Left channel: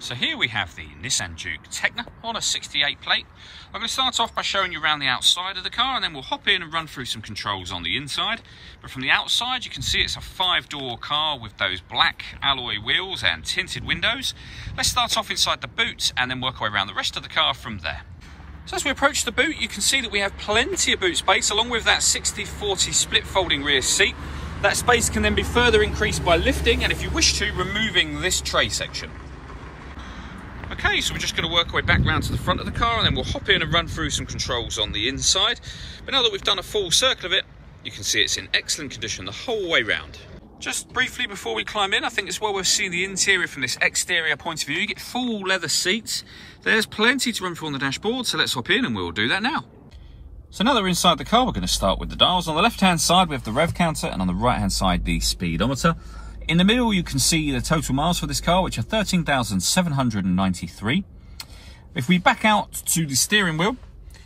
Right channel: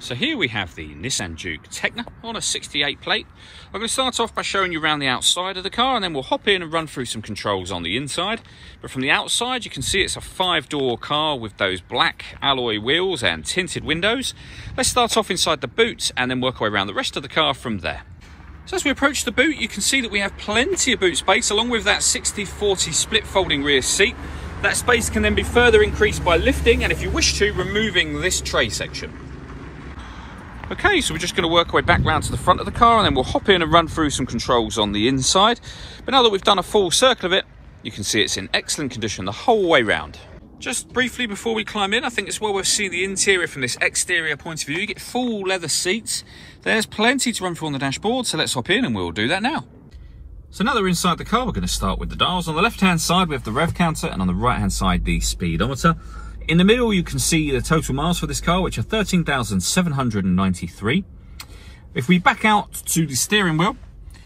So here we have the Nissan Juke Techna on a 68 plate. I'm going to start off by showing you around the outside of the car, and then we'll hop in and run through some controls on the inside. But from the outside you can see it's a 5-door car with those black alloy wheels and tinted windows. Let's start off inside the boot and then work our way around the rest of the car from there. So as we approach the boot, you can see that we have plenty of boot space along with that 60/40 split folding rear seat. That space can then be further increased by lifting and, if you wish to, removing this tray section. Okay, so we're just going to work our way back round to the front of the car and then we'll hop in and run through some controls on the inside. But now that we've done a full circle of it, you can see it's in excellent condition the whole way round. Just briefly before we climb in, I think it's well worth seeing the interior from this exterior point of view. You get full leather seats. There's plenty to run through on the dashboard, so let's hop in and we'll do that now. So now that we're inside the car, we're going to start with the dials. On the left-hand side, we have the rev counter, and on the right-hand side, the speedometer. In the middle, you can see the total miles for this car, which are 13,793. If we back out to the steering wheel,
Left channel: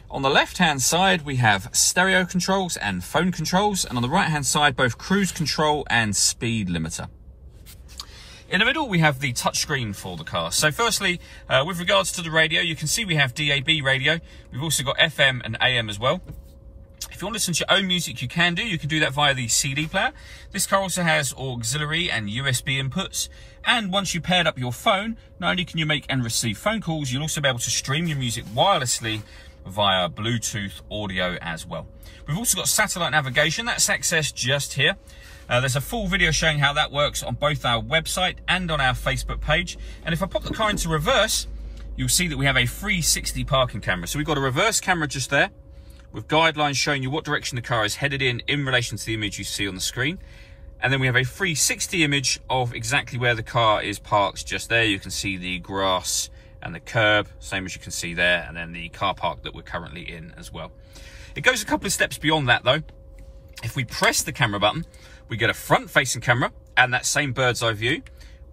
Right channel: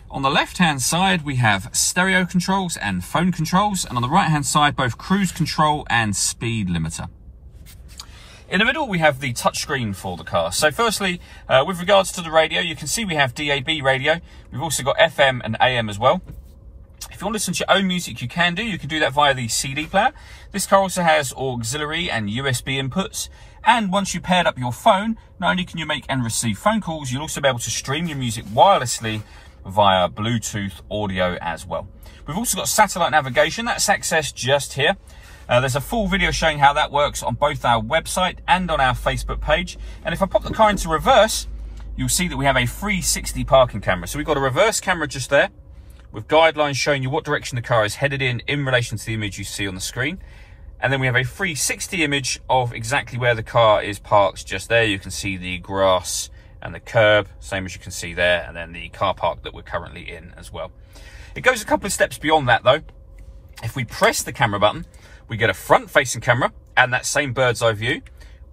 on the left-hand side, we have stereo controls and phone controls, and on the right-hand side, both cruise control and speed limiter. In the middle, we have the touchscreen for the car. So firstly, with regards to the radio, you can see we have DAB radio. We've also got FM and AM as well. If you want to listen to your own music, you can do. You can do that via the CD player. This car also has auxiliary and USB inputs. And once you paired up your phone, not only can you make and receive phone calls, you'll also be able to stream your music wirelessly via Bluetooth audio as well. We've also got satellite navigation. That's accessed just here. There's a full video showing how that works on both our website and on our Facebook page. And if I pop the car into reverse, you'll see that we have a 360 parking camera. So we've got a reverse camera just there, with guidelines showing you what direction the car is headed in relation to the image you see on the screen. And then we have a 360 image of exactly where the car is parked just there. You can see the grass and the curb, same as you can see there, and then the car park that we're currently in as well. It goes a couple of steps beyond that though. If we press the camera button, we get a front-facing camera and that same bird's eye view,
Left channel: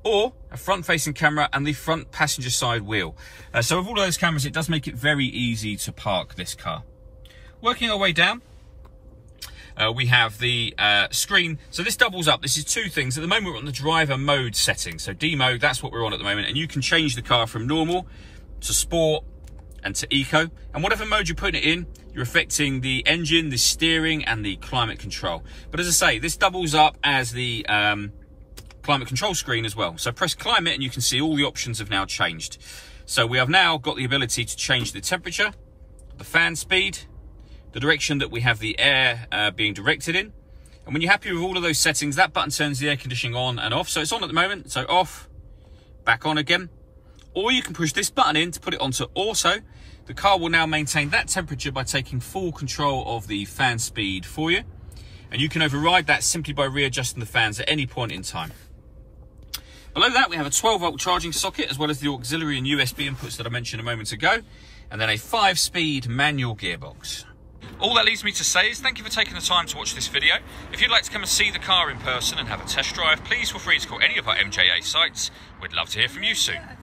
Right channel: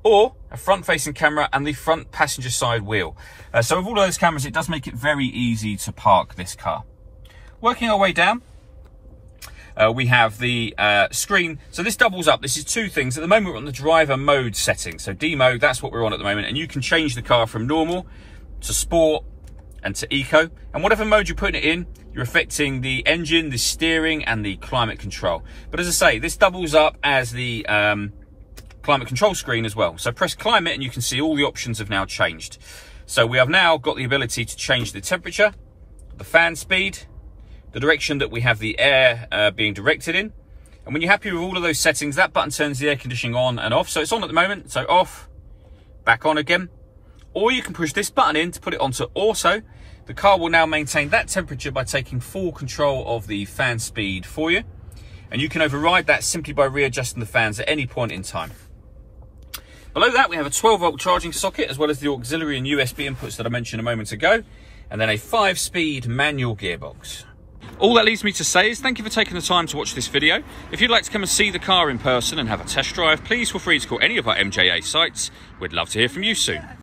or a front-facing camera and the front passenger side wheel. So with all of those cameras, it does make it very easy to park this car. Working our way down, we have the screen. So this doubles up. This is two things. At the moment, we're on the driver mode setting. So D mode, that's what we're on at the moment. And you can change the car from normal to sport and to eco. And whatever mode you're putting it in, you're affecting the engine, the steering, and the climate control. But as I say, this doubles up as the climate control screen as well. So press climate and you can see all the options have now changed. So we have now got the ability to change the temperature, the fan speed, the direction that we have the air being directed in. And when you're happy with all of those settings, that button turns the air conditioning on and off. So it's on at the moment, so off, back on again. Or you can push this button in to put it onto auto. The car will now maintain that temperature by taking full control of the fan speed for you. And you can override that simply by readjusting the fans at any point in time. Below that, we have a 12-volt charging socket, as well as the auxiliary and USB inputs that I mentioned a moment ago. And then a 5-speed manual gearbox. All that leaves me to say is thank you for taking the time to watch this video. If you'd like to come and see the car in person and have a test drive, please feel free to call any of our MJA sites. We'd love to hear from you soon.